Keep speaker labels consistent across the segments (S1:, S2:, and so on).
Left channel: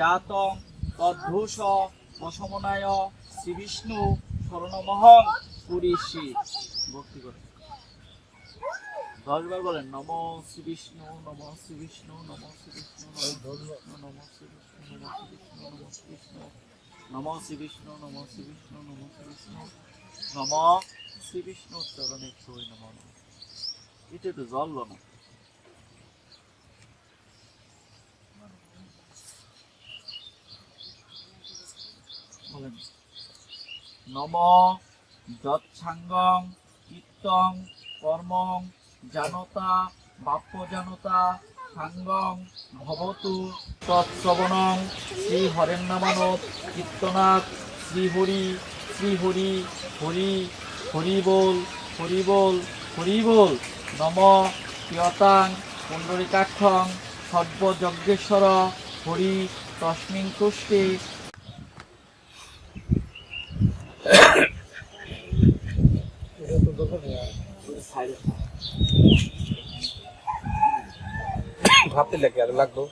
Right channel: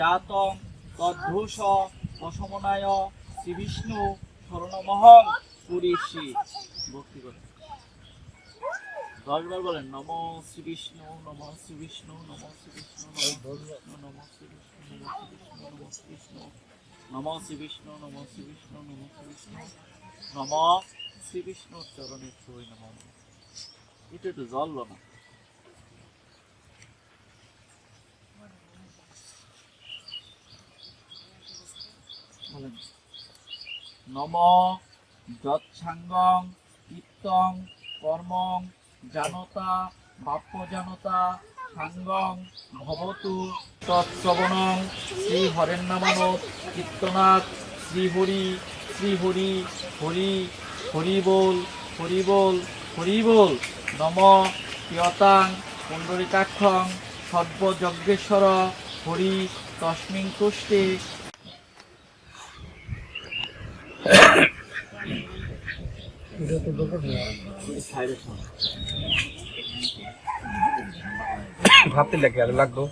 S1: জাতং তদ্ভূষ প্রশমনায় শ্রীবিষ্ণু স্মরণমহং পুরীষি ভক্তি করে দশবার বলেন নম শ্রীবিষ্ণু নম শ্রীবিষ্ণু নম শ্রী বিষ্ণু নম শ্রী বিষ্ণু নম শ্রী বিষ্ণু নম শ্রী বিষ্ণু নম শ্রী বিষ্ণু নম শ্রী বিষ্ণু নম শ্রী বিষ্ণু নম শ্রী বিষ্ণু নম শ্রীবিষ্ণু বিষ্ণু চরণে ছুঁই নম এটা তো জল না বলেন নম যৎসাঙ্গম চিত্তং কর্ম জানতা জানতা সাঙ্গম ভবতু তৎশ্রবণং শ্রী হরেন নামানত কীর্তনাথ হরি শ্রী হরি হরিবোল হরি হরিবোল নম প্রিয়তাং পুণ্ডরিকাক্ষং সর্বযজ্ঞেশ্বর হরি তস্মিং তুষ্টে ভাবতে লাগে আর লাগতো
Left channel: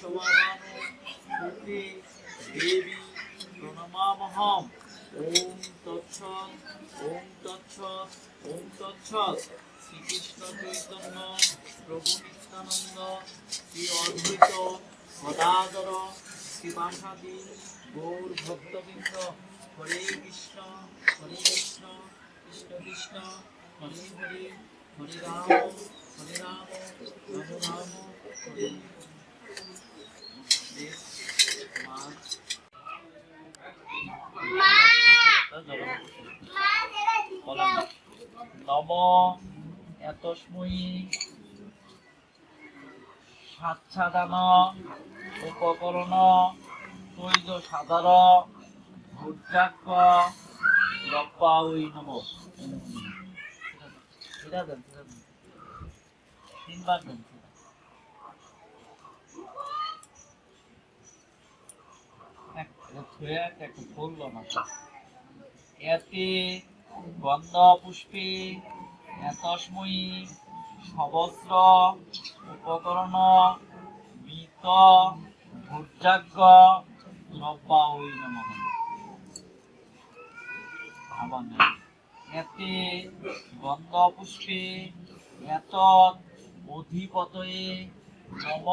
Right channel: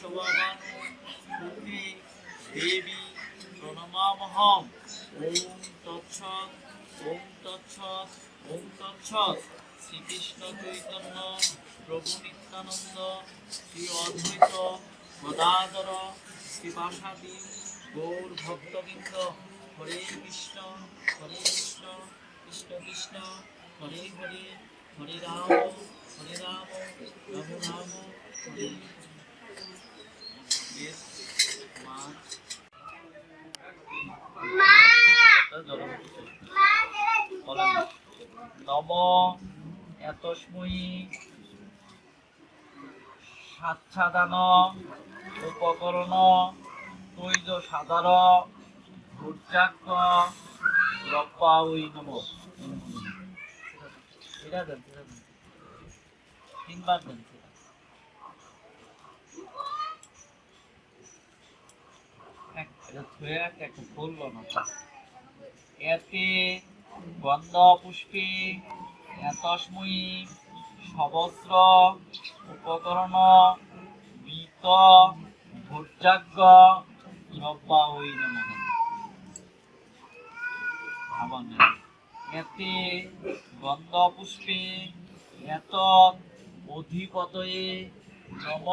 S1: সমাধান দেবী প্রণমামহম ওম তৎসৎ ওম তৎসৎ ওম তৎসৎ শ্রীকৃষ্ণ চৈতন্য প্রভু নিত্যানন্দ শ্রী অদ্বৈত গদাধর শ্রীবাসাদি গৌর ভক্তবৃন্দ হরে কৃষ্ণ হরে কৃষ্ণ কৃষ্ণ কৃষ্ণ হরে হরে হরে রাম হরে রাম রাম রাম হরে নব এতস্ময়ী সাচ্ছাদান উপকরণ তৈজ সাধারণ ভূর্যাক্ষ ওই তিনবার দেন এতে গন্ধ পুষ্পে এতস্ময়ী সবস্র উপকরণ বিত ভূর্যাজ্ঞ দ্রব্যা ওই নমহ ভাবা নেই এতে গন্ধ পুষ্পে এত অধিপতয়ে নম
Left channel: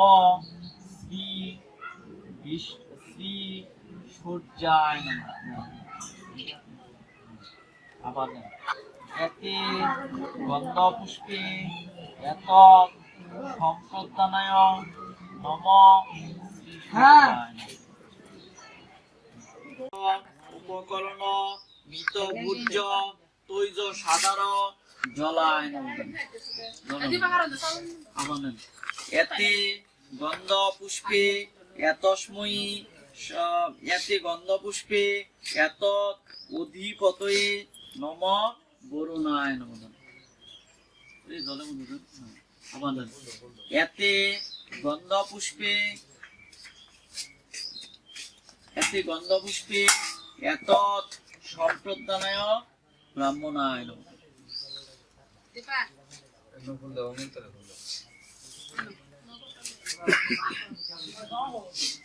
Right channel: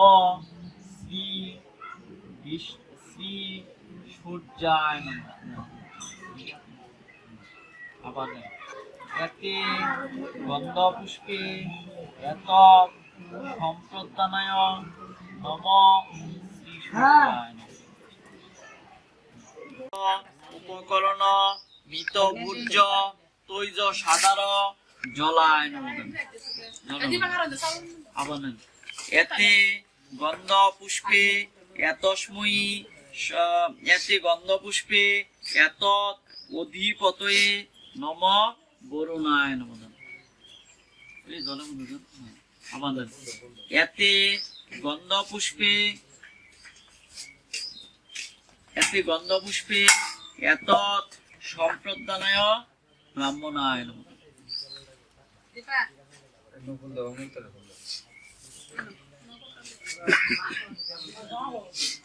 S1: শ্রী শ্রী ফুট যায় না আবার গন্ধ পুষ্পে এত নম হ্যাঁ। উপকরণ ভূর্য তৈজ সাদার জলায় এতে গন্ধ পুষ্পে এতস্ময়ী এতে গন্ধ পুষ্পে এত অধিপতয়ে নম বরুণায় নম আমাদের এতে গন্ধ পুষ্পে এতে গন্ধপুষ্পে এত সম্প্রদানায় ব্রাহ্মণায় নম Thank you.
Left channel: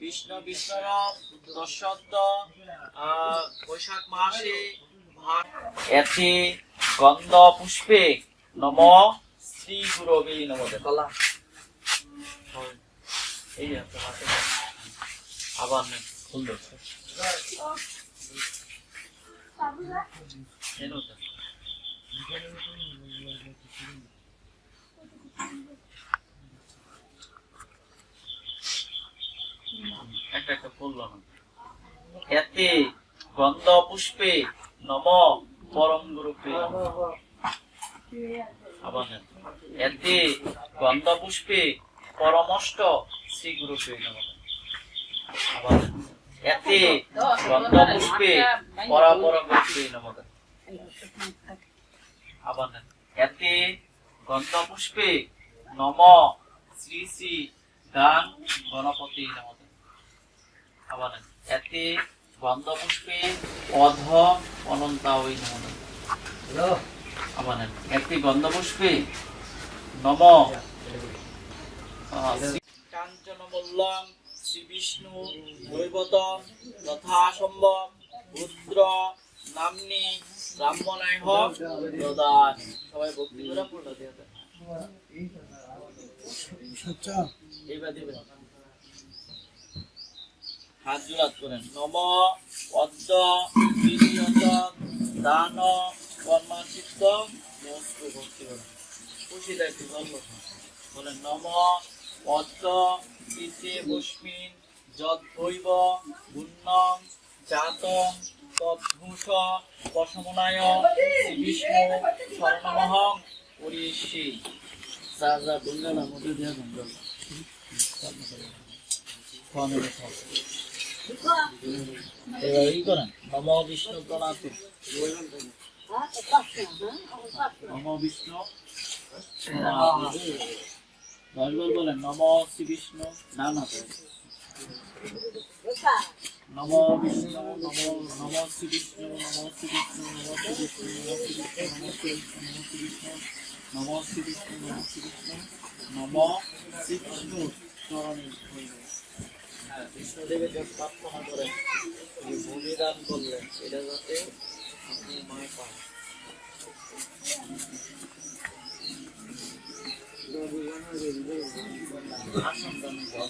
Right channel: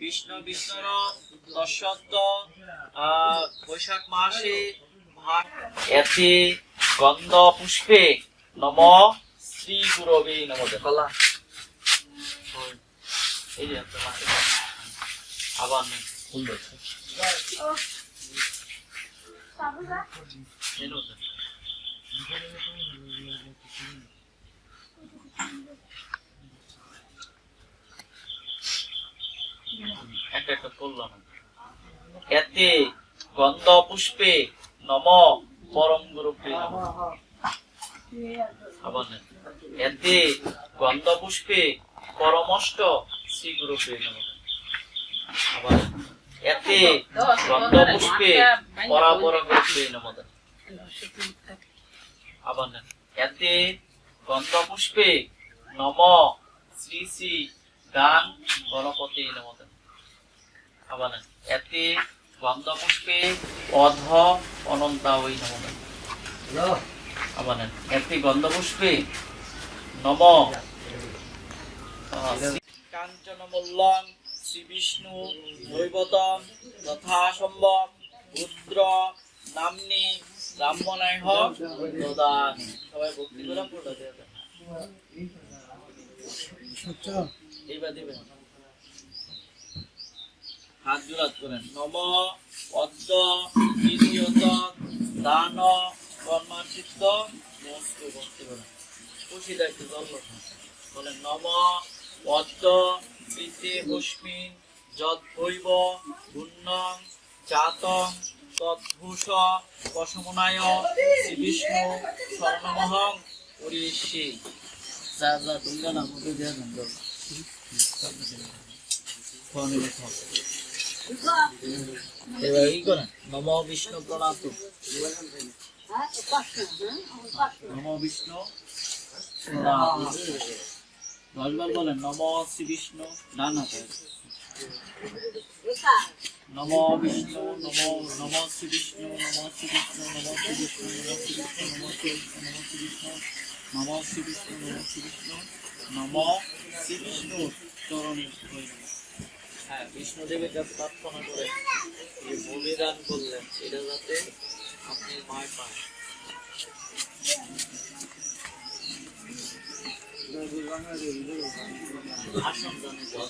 S1: বিষ্ণু বিষ্ণু দশত্ব বৈশাখ মাসে এতে গন্ধ পুষ্পে নম শ্রী গুরবে নম দেখলা এই যে আবার সুন্দর এতে গন্ধ পুষ্পে নম পরম গুরুপে এতে গন্ধ পুষ্পে পরমষ্ট শ্রী গুরুপে এতে গন্ধ পুষ্পে পরাপর গুরুপে নমদা আবার এতে গন্ধ পুষ্পে নম শ্রী শ্রী গান গণপতি নমদা এতে বামদা পুষ্পে অধ অনন্তা ওই গন্ধ পুষ্পে নম কাঞ্চনমল্লং শ্রী বিষ্ণু নৈবতম যথাসম্ভব রুদ্র নামনি ব্রাহ্মণায় হোক দদান সবাই ভক্তি করে পড়লো এইবার দিবেন হাত জোড়াত করেন নম পদ্ম দ্বিতীয়ত দান কর্মাচিত্ত মস্তু ভক্তি করেন খুশি দায়িত্ব জল বলেন নম পদ্ম ইতি পুষ্মিন যদ্বৈব পুণ্যং জাতং তদ্ভূষ পশমনায় শ্রী বিষ্ণু স্বর্ণমহং উড়িষ্যি রাজা যা দুর্গা না মধ্যে দেওয়া নমো ই করেন নম বিষ্ণু প্রণাত নমো বিষ্ণু দশবার বলেন নম শ্রী বিষ্ণু না না নমো বিষ্ণু নম নমো শ্রী বিষ্ণু নমো শ্রী বিষ্ণু নমো শ্রী বিষ্ণু নমো শ্রী বিষ্ণু নমো শ্রী বিষ্ণু নমো শ্রী বিষ্ণু নমো শ্রী বিষ্ণু নমো শ্রী বিষ্ণু নমো শ্রী বিষ্ণু চরণে হইবে বিষ্ণুদেবের হ্যাঁ, যা প্রার্থনা করেন যে বলিদান করলেন সেটা যাতে আপনি মায় পান আসন দানে জল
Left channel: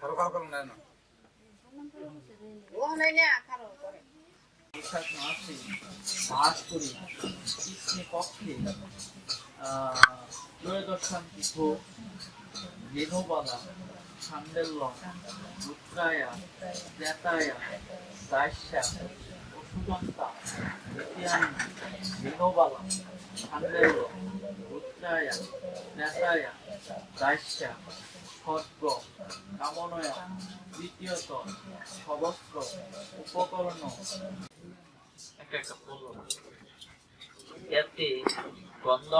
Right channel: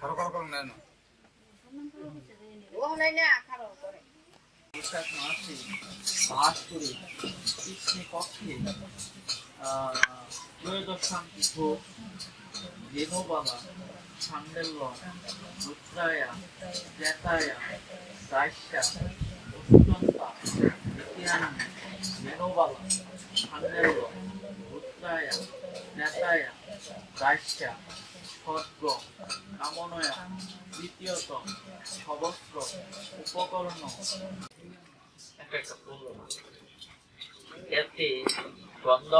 S1: খারো না ও নাই না খারো করে বৈশাখ মাসে বাস করে কৃষ্ণের পক্ষে ত্রয়োদশান্তি ভোগ রেণুবালা ছান্দেল্য রুদ্রায়া ত্রেতায়া দাস্যা অত্যন্তা দ্বিতীয়ান্নি রেণুবালা ছান্দেল্য রুদ্রায়া ত্রেতায়া দাস্যা খর্গ কামনয়া দ্বিতীয়ত সবস্ত্র উপকরণ ఎత్తి వంద